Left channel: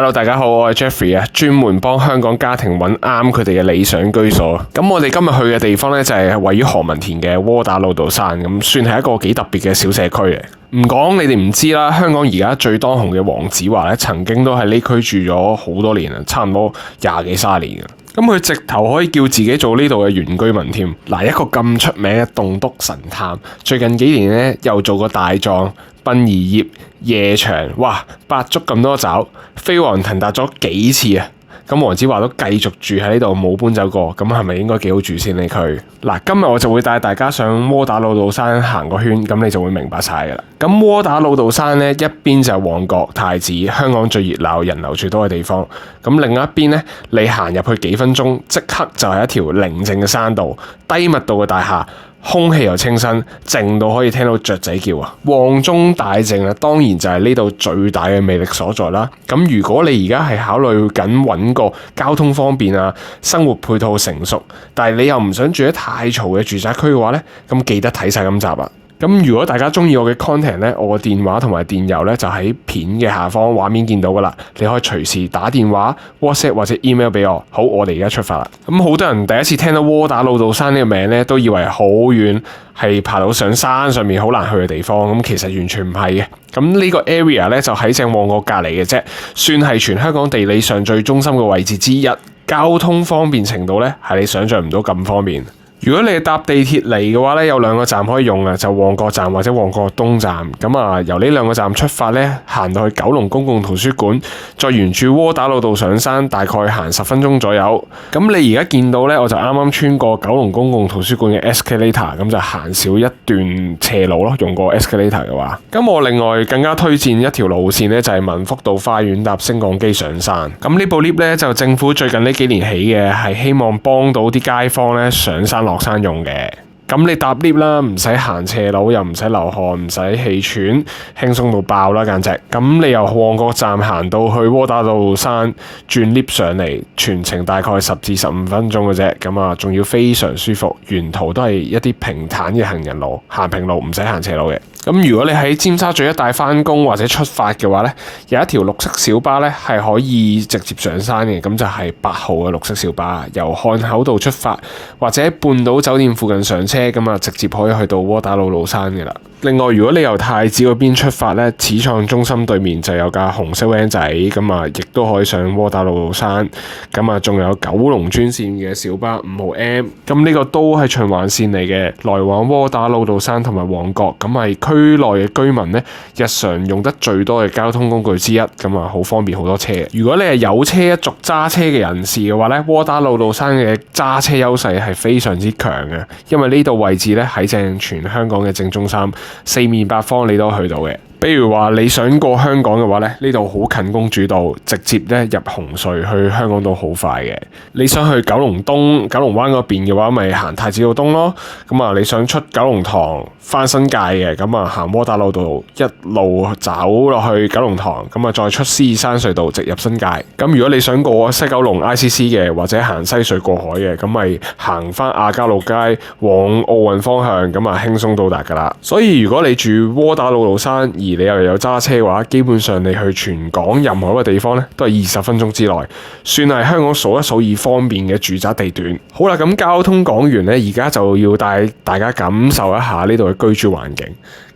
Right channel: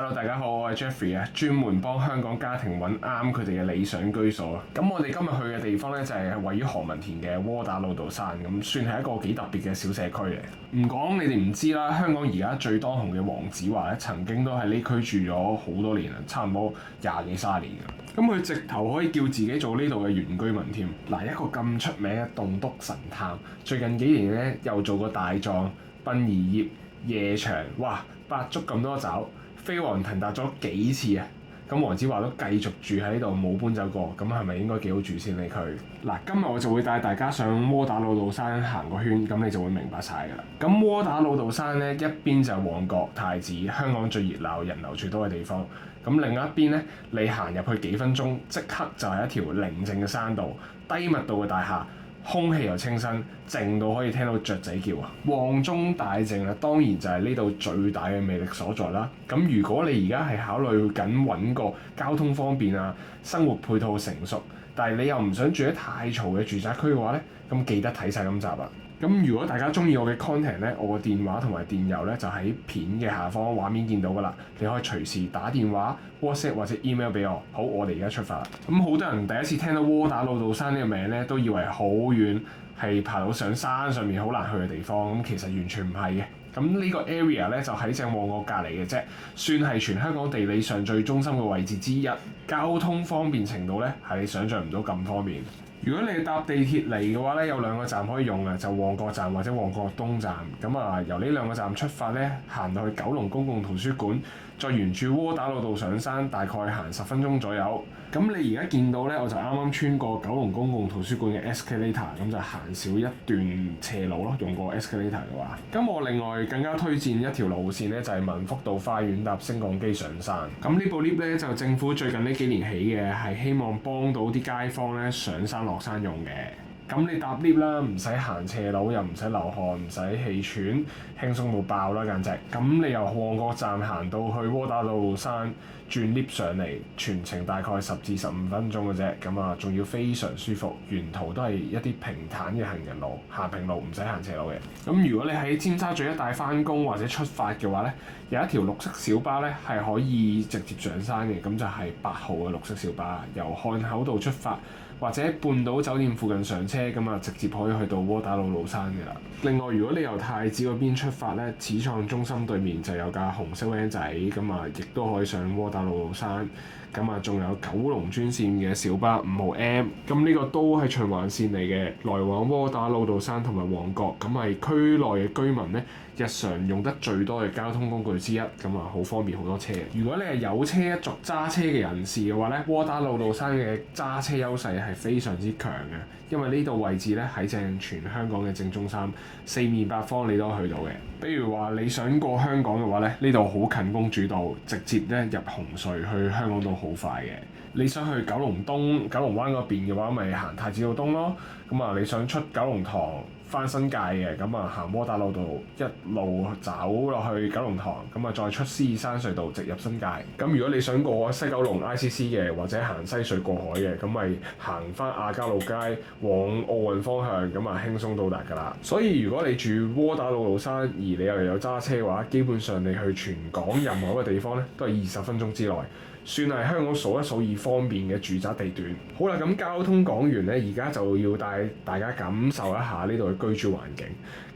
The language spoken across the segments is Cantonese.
Hello， 大家好，我係 Jeffrey 啊，專門幫香港家庭揾啱佢哋嘅理想居所。咁我哋今日去嘅地方呢，就係位於何文田嘅窩打老道山，咁算係一個幾特別嘅小社區嚟。唔講你哋唔知啦，香港而家最當紅嘅黃子華呢，曾經都喺呢區住咗好多年啊，差唔多20幾30年嘅。咁佢直頭可以叫自己做呢度嘅原居民添。嗱，一個咁出名嘅棟篤神探，最近幾年呢，又做過大狀、殯儀業、夜場，哇，百足咁多爪，飛黃騰達咗幾次啊！咁黃子華都繼續住喺呢度，冇搬走過，咁係咪應該幾好住先呢？佢嗱，今日我就會帶大家上窩打老道山行個圈，咁你就會明白晒噶啦。咁窩打老道山呢，一邊就係旺角、太子，香港最熱鬧、人流最多嘅地方。咁另一邊呢，你行入去幾分鐘，即刻就係一條寧靜嘅山道，低密度嘅大廈。空氣又清新，靜到可以聽到雀仔叫啊！旺中大靜啊，當然就係呢度最大嘅魅力所在啦。咁如果你而家係考慮緊揾個交通方便啊、生活配套成熟，但係你又唔想住喺太嘈嘅住宅區嘅話呢，咁記得睇晒今集啊！咁如果大家中意我嘅 content 呢，我個電話同埋電郵呢就喺片嘅下方畫面見到噶啦，你可以隨時打電話、WhatsApp 或者 email 俾我。好，我哋而家出發啦。咁好多人第一次聽到窩打老道山呢個名呢，都以為好遠，係爬到上山上面好難去嘅地方。咁其實完全唔係嘅。咁呢個 area 呢，就喺正旺角隔離嘅啫，算係全香港地理上最中心嘅位置之一。交通方便程度呢，係你想象唔到咁方便。如果你係搭地鐵嚟嘅話咧，有2個站可以用啊，就旺角站或者旺角東站。咁啊，由呢2個站出發咧，行到去九龍公共圖書館，再沿住窩打老道上山，大概行10分鐘左右。咁你而家見到咧，我就啱啱穿過九龍公共圖書館嘅 escalator， 咁就行少一段斜路咯。用過 escalator 嘅話，咁我另外更加推薦一條路線咧，就係民福道花園搭升降機上山。咁呢部 lift 咧就政府最近呢幾年起嘅，係希望幫到啲街坊咧上山落山用嘅。咁你搭 lift 啦，唔使行斜路，又唔使流汗，唔使氣喘，輕鬆到爆啦簡直。咁你由旺角站行到去窩打老道山，轉 lift 上嚟，全程大概10至15分鐘嘅啫。咁啊，仲要非常舒服，沿途都係一啲平坦嘅行人路，行平路，唔使行斜路嘅。咁如果你喺尖沙咀一帶返工或者出發嘅話呢，有一條綠色小巴呢係可以直接上山嘅，咁就係8號嘅綠色小巴，由漢口道出發，或者半島酒店附近上車，咁啊直接可以去到窩打老道山嘅啦。另外，如果你由太子嗰邊出發呢，始創中心對面就有架紅色 van 仔，咁啊亦都可以上窩打老道山。咁啊仲有九龍專線嘅小巴5號 M， 咁呢個都係循環線嚟嘅，來往窩打老道山同埋旺角，咁係區內嘅居民呢，日常用得最多嘅交通工具之一，咁啊好方便好多車。如果你係有車一族揸車嘅人士嘅話呢，窩打老道山嘅揸車優勢係非常之強嘅，因為呢度位置呢喺正全香港嘅正中心，四面八方你都去到嘅。比如話你想過香港嘅話咧，呢度好近公主道，直接咧入紅隧去香港島好快嘅。你想去九龍東、九龍灣嗰邊嘅話，咪行太子道東咯。咁啊，你想出九龍塘返新界嘅，咁啊行窩打老道一路走落去九龍塘，咁啊再出獅子山隧道直入新界。咁如果你想過西九龍 ICC 嘅，或者行西隧過海嘅，咁咪行返亞皆老街往奧運方向，咁啊輕鬆到達㗎啦。所以如果你住窩打老道山，你又有揸車嘅話，基本上你去全港任何一個地方咧，都係20分鐘之內，算係香港數一數二方便嘅住宅地段。好啦，咁交通講完咧，而家就要帶大家感受一下呢度嘅居住環境。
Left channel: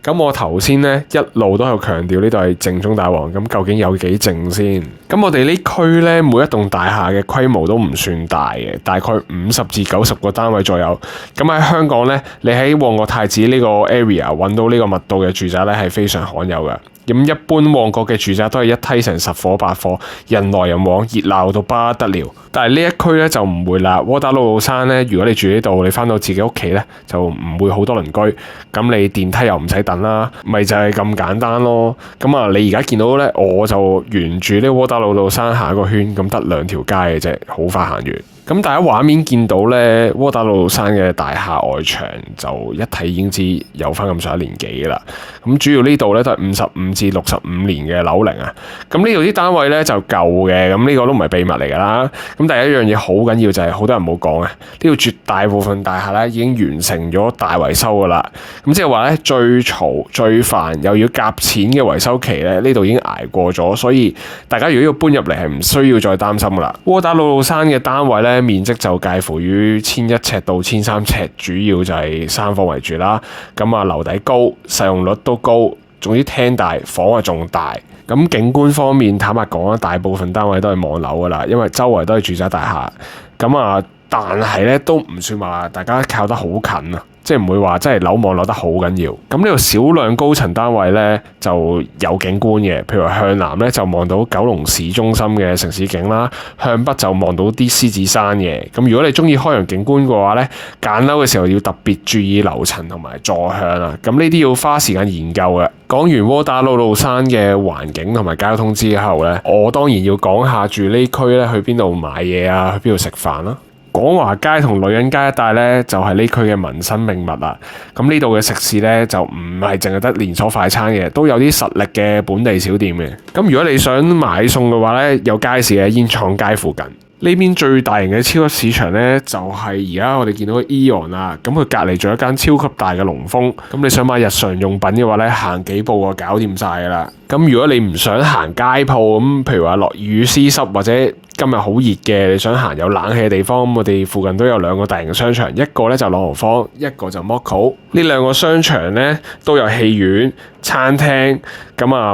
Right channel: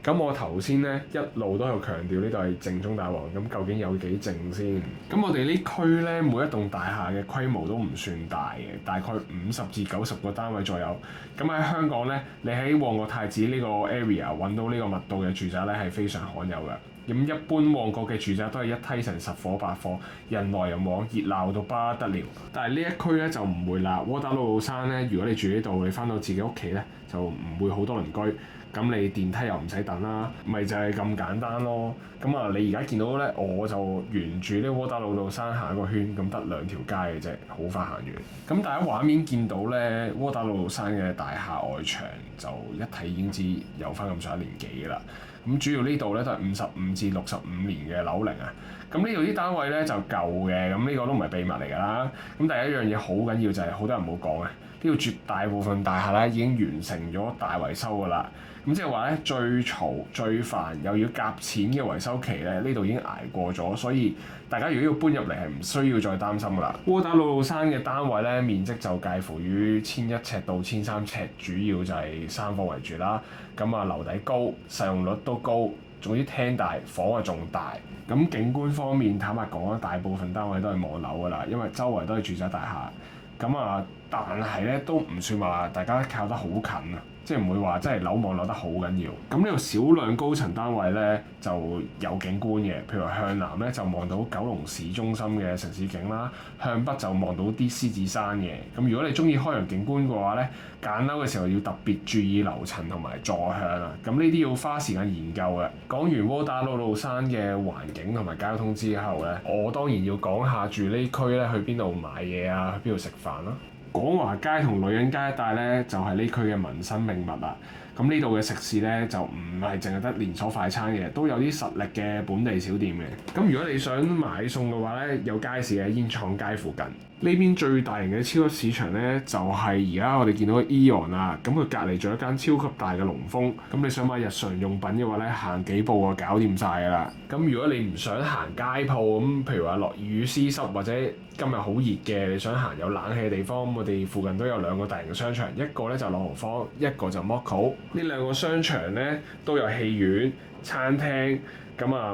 咁我頭先咧一路都有強調呢度係靜中帶旺，咁究竟有幾靜先？咁我哋呢區咧每一棟大廈嘅規模都唔算大嘅，大概50至90個單位左右。咁喺香港咧，你喺旺角太子呢個 area 揾到呢個密度嘅住宅咧係非常罕有嘅。咁一般旺角嘅住宅都係一梯成10伙8伙，人來人往，熱鬧到不得了。但係呢一區咧就唔會啦。窩打老道山咧，如果你住呢度，你翻到自己屋企咧就唔會好多鄰居，咁你電梯又唔使等啦，咪就係咁簡單咯。咁啊，你而家見到咧，我就沿住呢窩打老道山行一個圈，咁得2條街嘅啫，好快行完。咁大家畫面見到咧，窩打老道山嘅大廈外牆就一睇已經知有翻咁上下年紀啦。咁主要呢度咧都係55至65年嘅樓齡啊。咁呢度啲單位咧就舊嘅，咁呢個都唔係秘密嚟㗎啦。咁第一樣嘢好緊要就係好多人冇講啊，呢度絕大部分大廈咧已經完成咗大維修㗎啦。咁即係話咧最嘈最煩又要夾錢嘅維修期咧，呢度已經捱過咗，所以大家如果要搬入嚟係唔需要再擔心㗎啦。窩打老道山嘅單位咧面積就介乎於1100尺到1300尺，主要就係3房為主啦。咁樓底高，使用率都高，總之廳大，房啊仲大。咁景觀方面，坦白講啦，大部分單位都係望樓噶啦，因為周圍都係住宅大廈。但係咧都唔算話大家靠得好近啊，即係唔會話真係樓望樓得好緊要。咁呢度少量高層單位咧就有景觀嘅，譬如話向南咧就望到九龍市中心嘅城市景啦，向北就望到啲獅子山嘅。咁如果你中意開揚景觀嘅話咧，揀樓嘅時候要特別注意樓層同埋坐向啊。咁呢啲要花時間研究嘅。講完窩打老道山嘅環境同埋交通之後咧，我當然要講下住呢區咧去邊度買嘢啊，去邊度食飯啦。廣華街同女人街一帶咧，就係呢區嘅民生命脈啦。咁呢度嘅食肆咧，就唔係淨係得連鎖快餐嘅，都有啲實力嘅本地小店嘅。咁如果你想買餸嘅話咧，有街市嘅煙廠街附近。呢邊最大型嘅超級市場咧，就係而家我哋見到嘅 Eon 啦。咁佢隔離仲有一間超級大嘅龍豐。咁你想買日常用品嘅話咧，行幾步就搞掂晒㗎啦。咁如果你唔想行街鋪，咁譬如話落雨絲濕或者今日好熱嘅，你想行有冷氣嘅地方，咁我哋附近都有2個大型商場，一個咧就朗豪坊，一個就 Moco。呢2個商場咧都有戲院、餐廳，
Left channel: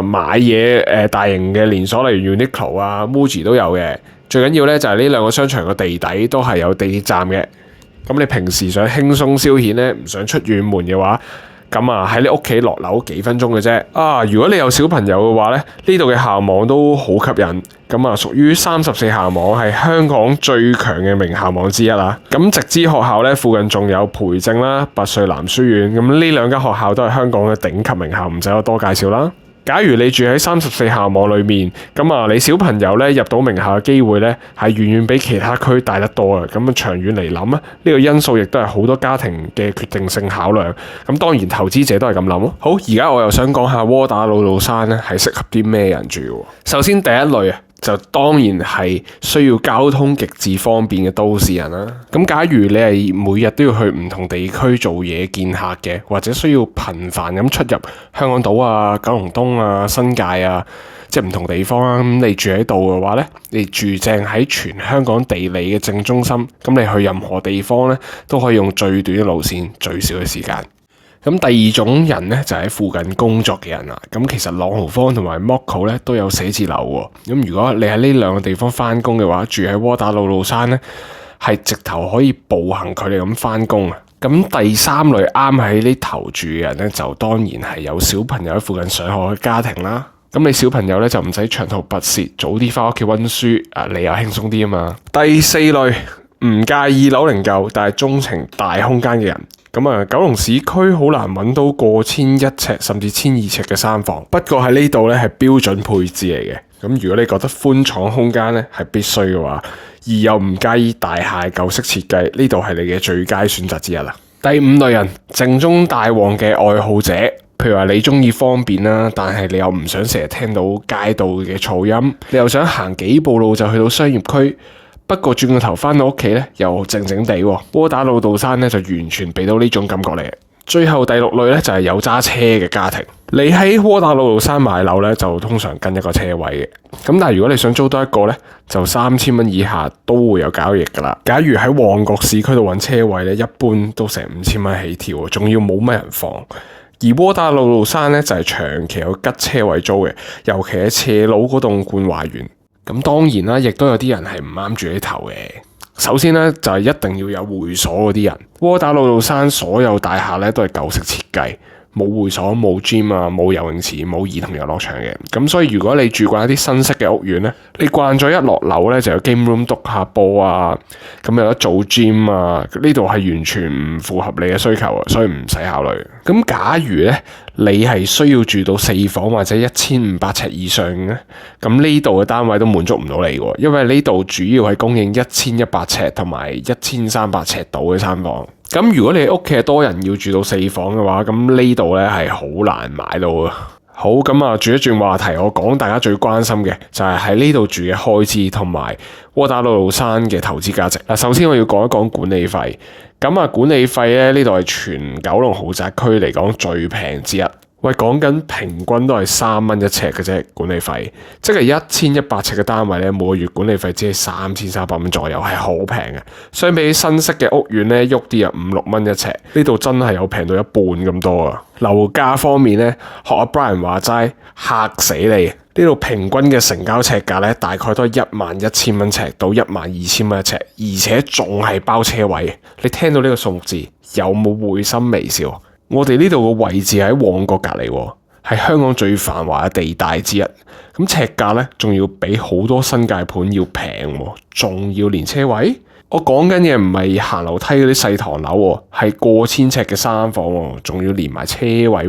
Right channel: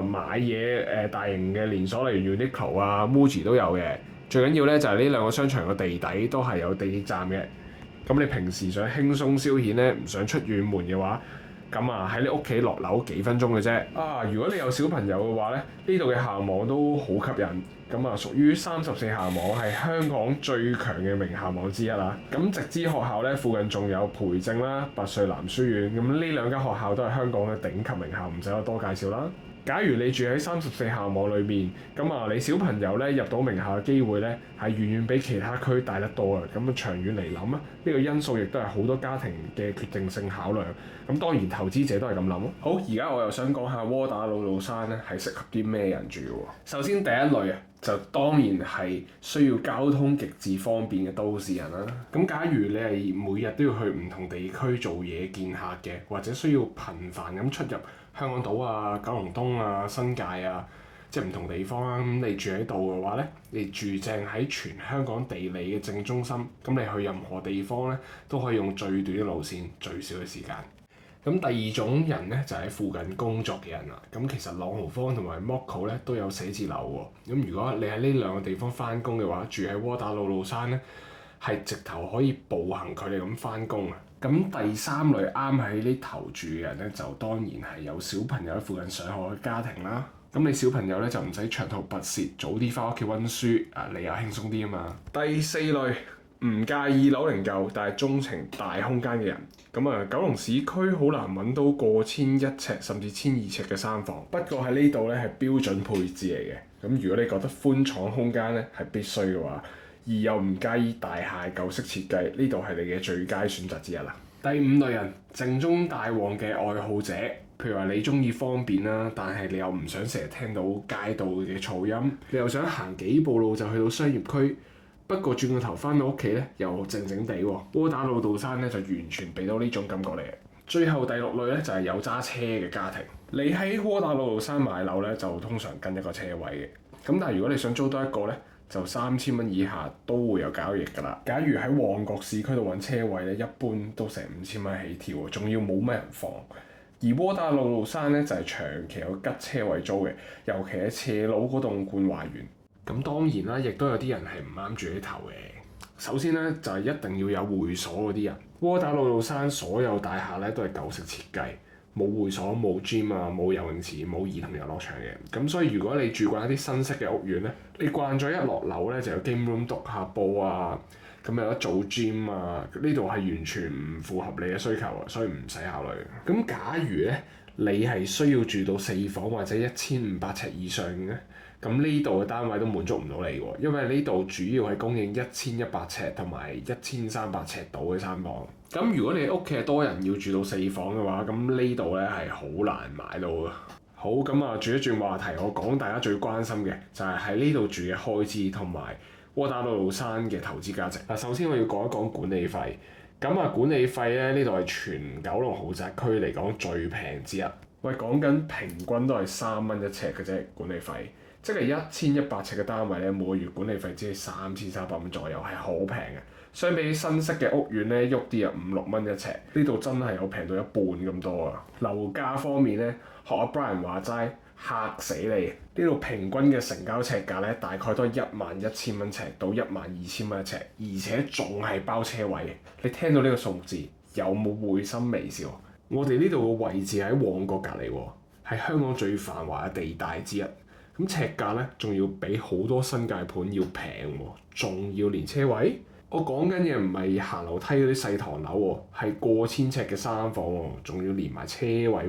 買嘢大型嘅連鎖，例如 Uniqlo 啊、Muji 都有嘅。最緊要咧就係呢2個商場個地底都係有地鐵站嘅。咁你平時想輕鬆消遣咧，唔想出遠門嘅話，喺你屋企落樓幾分鐘嘅啫。如果你有小朋友嘅話咧，呢度嘅校網都好吸引。屬於34校網，係香港最強嘅名校網之一啦。直資學校咧，附近仲有培正啦、拔萃男書院。呢2間學校都係香港嘅頂級名校，唔使我多介紹啦。假如你住喺34校網裏面，你小朋友咧入到名校嘅機會咧係遠遠比其他區大得多啊！長遠嚟諗呢個因素亦都係好多家庭嘅決定性考量。當然投資者都係咁諗咯。好，而家我又想講下窩打老道山咧係適合啲咩人住喎？首先第一類就當然係需要交通極致方便嘅都市人啦。假如你係每日都要去唔同地區做嘢見客嘅，或者需要頻繁咁出入香港島啊、九龍東啊、新界啊，即係唔同地方啦。你住喺度嘅話咧，你住正喺全香港地理嘅正中心，你去任何地方咧都可以用最短嘅路線、最少嘅時間。第二種人咧就喺附近工作嘅人啦。其實朗豪坊同埋 Moco 咧都有寫字樓喎。如果你喺呢2個地方翻工嘅話，住喺窩打老道山咧係直頭可以步行距離咁翻工啊。第3類啱喺呢頭住嘅人咧，就當然係有小朋友喺附近上學嘅家庭啦。你小朋友咧就唔使長途跋涉，早啲翻屋企温書，你又輕鬆啲啊嘛。第4類唔介意樓齡舊，但係鍾情大空間嘅人。九龍市區好難揾到過1100尺甚至1200尺嘅3房，不過喺呢度咧係標準配置嚟嘅。如果你覺得寬敞空間咧係必須嘅話，而又唔介意大廈舊式設計，呢度係你嘅最佳選擇之一啦。第5類人，靜中帶旺嘅愛好者，譬如話你中意方便啦，但係你又唔想成日聽到街道嘅噪音，你又想行幾步路就去到商業區。不過轉個頭翻到屋企咧，又靜靜地喎。窩打老道山咧就完全俾到呢種感覺嚟嘅。最後第6類咧就係有揸車嘅家庭。你喺窩打老道山買樓咧就通常跟一個車位嘅。但係如果你想租多一個咧，就3000蚊以下都會有交易噶啦。假如喺旺角市區度揾車位咧，一般都成5000蚊起跳，仲要冇乜人放。而窩打老道山咧就係長期有吉車位租嘅，尤其係斜路嗰棟冠華園。當然啦，亦都有啲人係唔啱住呢頭嘅。首先咧就係一定要有會所嗰啲人。窩打老道山所有大廈咧都係舊式設計，冇會所、冇 gym 啊、冇游泳池、冇兒童遊樂場嘅。所以如果你住慣一啲新式嘅屋苑咧，你慣咗一落樓咧就有 game room 篤下波啊，有得做 gym 啊，呢度係完全唔符合你嘅需求啊，所以唔使考慮。假如咧你係需要住到4房或者1500尺以上嘅，呢度嘅單位都滿足唔到你喎，因為呢度主要係供應1100尺同埋1300尺度嘅3房。如果你屋企係多人要住到4房嘅話，呢度咧係好難買到啊。好，咁啊，轉一轉話題，我講大家最關心嘅就係喺呢度住嘅開支同埋窩打老道山嘅投資價值。嗱，首先我要講一講管理費。咁啊，管理費咧，呢度係全九龍豪宅區嚟講最平之一。喂，講緊平均都係3蚊一尺嘅啫，管理費，即係1100尺嘅單位咧，每個月管理費只係3300蚊左右，係好平嘅。相比起新式嘅屋苑咧，喐啲啊5-6蚊一尺，呢度真係有平到一半咁多啊！樓價方面咧，學阿 Brian 話齋，嚇死你！呢度平均嘅成交尺價咧，大概都係11000蚊尺到12000蚊一尺，而且仲係包車位。你聽到呢個數目字，有冇會心微笑？我哋呢度個位置喺旺角隔離，係香港最繁華嘅地帶之一。咁尺價咧，仲要比好多新界盤要平，仲要連車位。我講緊嘅唔係行樓梯嗰啲細唐樓，係過千尺嘅3房，仲要連埋車位。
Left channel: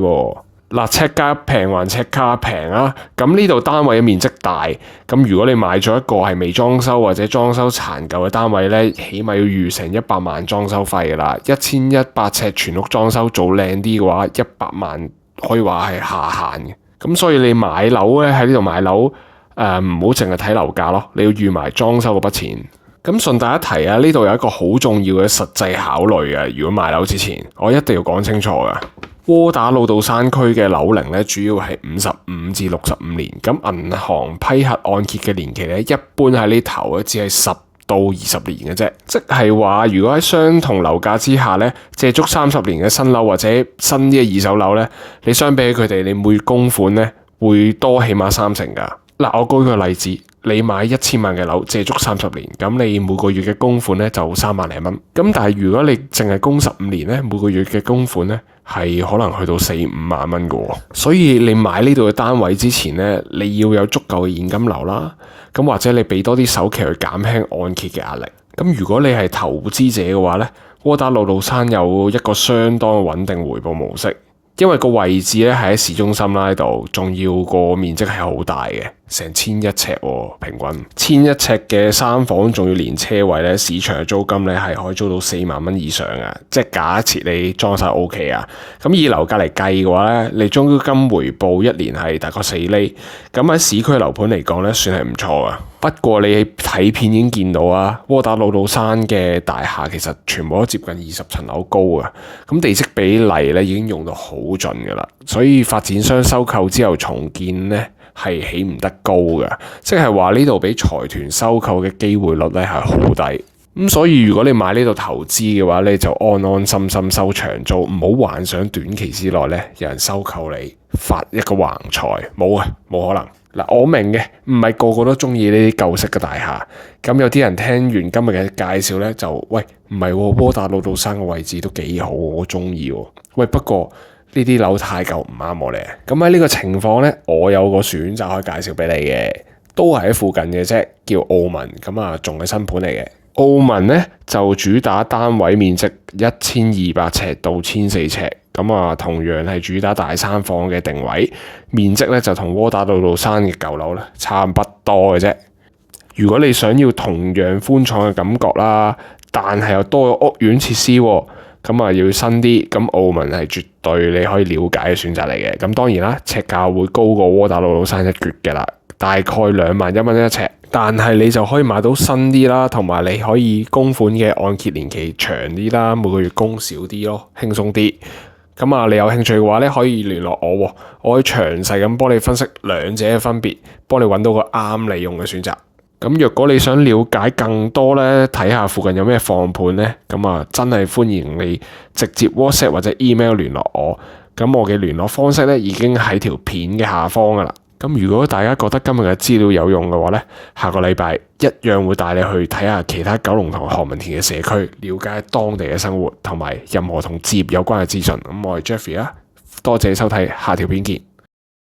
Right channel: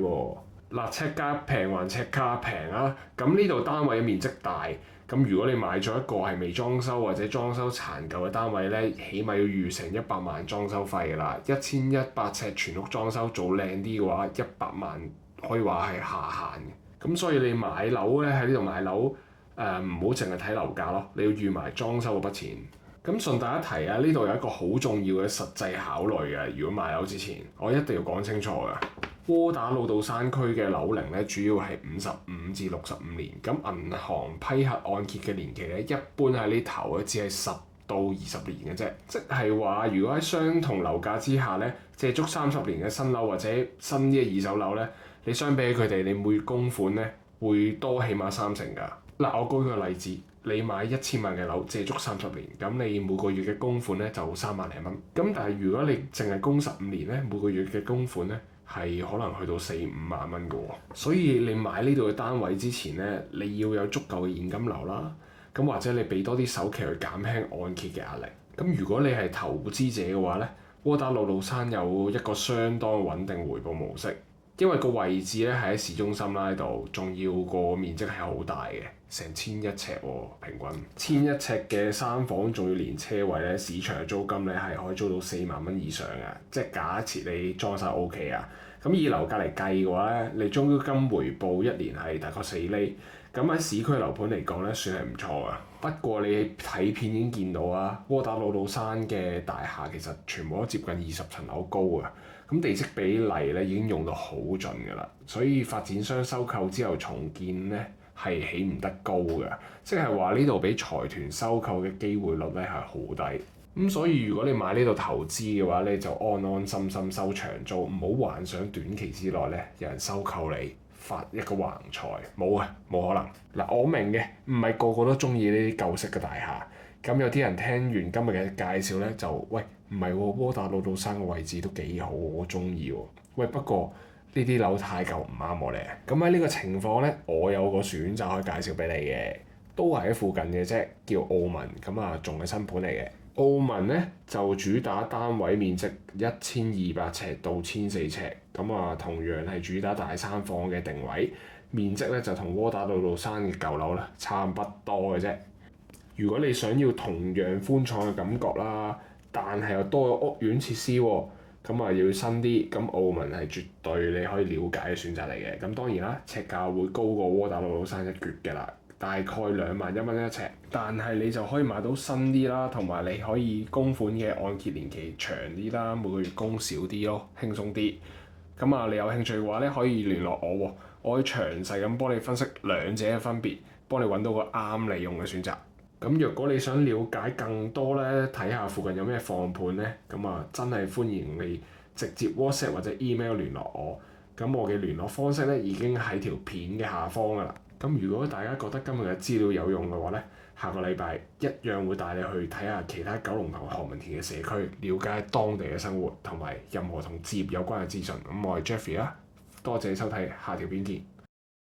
嗱，尺價平還尺價平啊！咁呢度單位嘅面積大，咁如果你買咗一個係未裝修或者裝修殘舊嘅單位咧，起碼要預成100萬裝修費㗎啦。1100尺全屋裝修做靚啲嘅話，100萬可以話係下限嘅。咁所以你買樓咧，喺呢度買樓，唔好淨係睇樓價咯，你要預埋裝修嗰筆錢。咁順帶一提啊，呢度有一個好重要嘅實際考慮啊！如果買樓之前，我一定要講清楚㗎。窩打老道山區嘅樓齡咧，主要係55至65年。咁銀行批核按揭嘅年期咧，一般喺呢頭咧只係10到20年嘅啫。即係話，如果喺相同樓價之下咧，借足30年嘅新樓或者新啲嘅二手樓咧，你相比起佢哋，你每月供款咧會多起碼30%㗎。嗱，我舉個例子，你買1000萬嘅樓，借足30年，咁你每個月嘅供款咧就3萬零蚊。咁但係如果你淨係供15年咧，每個月嘅供款咧係可能去到4-5萬蚊嘅喎。所以你買呢度嘅單位之前咧，你要有足夠嘅現金流啦。咁或者你俾多啲首期去減輕按揭嘅壓力。咁如果你係投資者嘅話咧，窩打老道山有一個相當穩定回報模式。因為個位置咧係喺市中心啦，呢度仲要個面積係好大嘅，成1100尺喎，平均1100尺嘅3房，仲要連車位咧，市場嘅租金咧係可以租到4萬蚊以上嘅，即係假設你裝修 OK 啊。咁以樓價嚟計嘅話咧，你租金回報1年係大概4厘，咁喺市區樓盤嚟講咧，算係唔錯啊。不過你睇片已經見到啊，窩打老道山嘅大廈其實全部都接近20層樓高啊，咁地積比例咧已經用到好盡㗎啦，所以發展商收購之後重建咧係起唔得高㗎，即係話呢度俾財團收購嘅機會率咧係好低。咁所以如果你買呢度投資嘅話咧，就安安心心收長租，唔好幻想短期之內咧有人收購你發一個橫財，冇啊，冇可能。嗱，我明嘅，唔係個個都中意呢啲舊式嘅大廈。咁有啲人聽完今日嘅介紹咧，就喂，唔係喎，窩打老道山嘅位置都幾好，我中意喎。喂，不過呢啲樓太舊唔啱我咧。咁喺呢個情況咧，我有個選擇可以介紹俾你嘅，都係喺附近嘅啫，叫澳文。咁啊，仲係新盤嚟嘅。澳文咧就主打單位面積1200尺到1400尺，咁啊同樣係主打大3房嘅定位，面積咧就同窩打老道山嘅舊樓咧差唔多嘅啫。如果你想要同樣寬敞嘅感覺啦，但係又多咗屋苑設施，咁啊要新啲，咁澳文係絕對你可以了解嘅選擇嚟嘅。咁當然啦，尺價會高過窩打老道山一橛嘅啦，大概21000蚊一尺。但係你就可以買到新啲啦，同埋你可以供款嘅按揭年期長啲啦，每個月供少啲咯，輕鬆啲。咁啊，你有興趣嘅話咧，可以聯絡我，我可以詳細咁幫你分析兩者嘅分別，幫你揾到個啱你用嘅選擇。咁若果你想了解更多咧，睇下附近有咩放盤咧，咁啊真係歡迎你直接 WhatsApp 或者 email 聯絡我。咁我嘅聯絡方式咧已經喺條片嘅下方噶啦。咁如果大家覺得今日嘅資料有用嘅話咧，下個禮拜一樣會帶你去睇下其他九龍同何文田嘅社區，了解當地嘅生活同埋任何同置業有關嘅資訊。咁我係 Jeffrey 啊，多謝收睇，下條片見。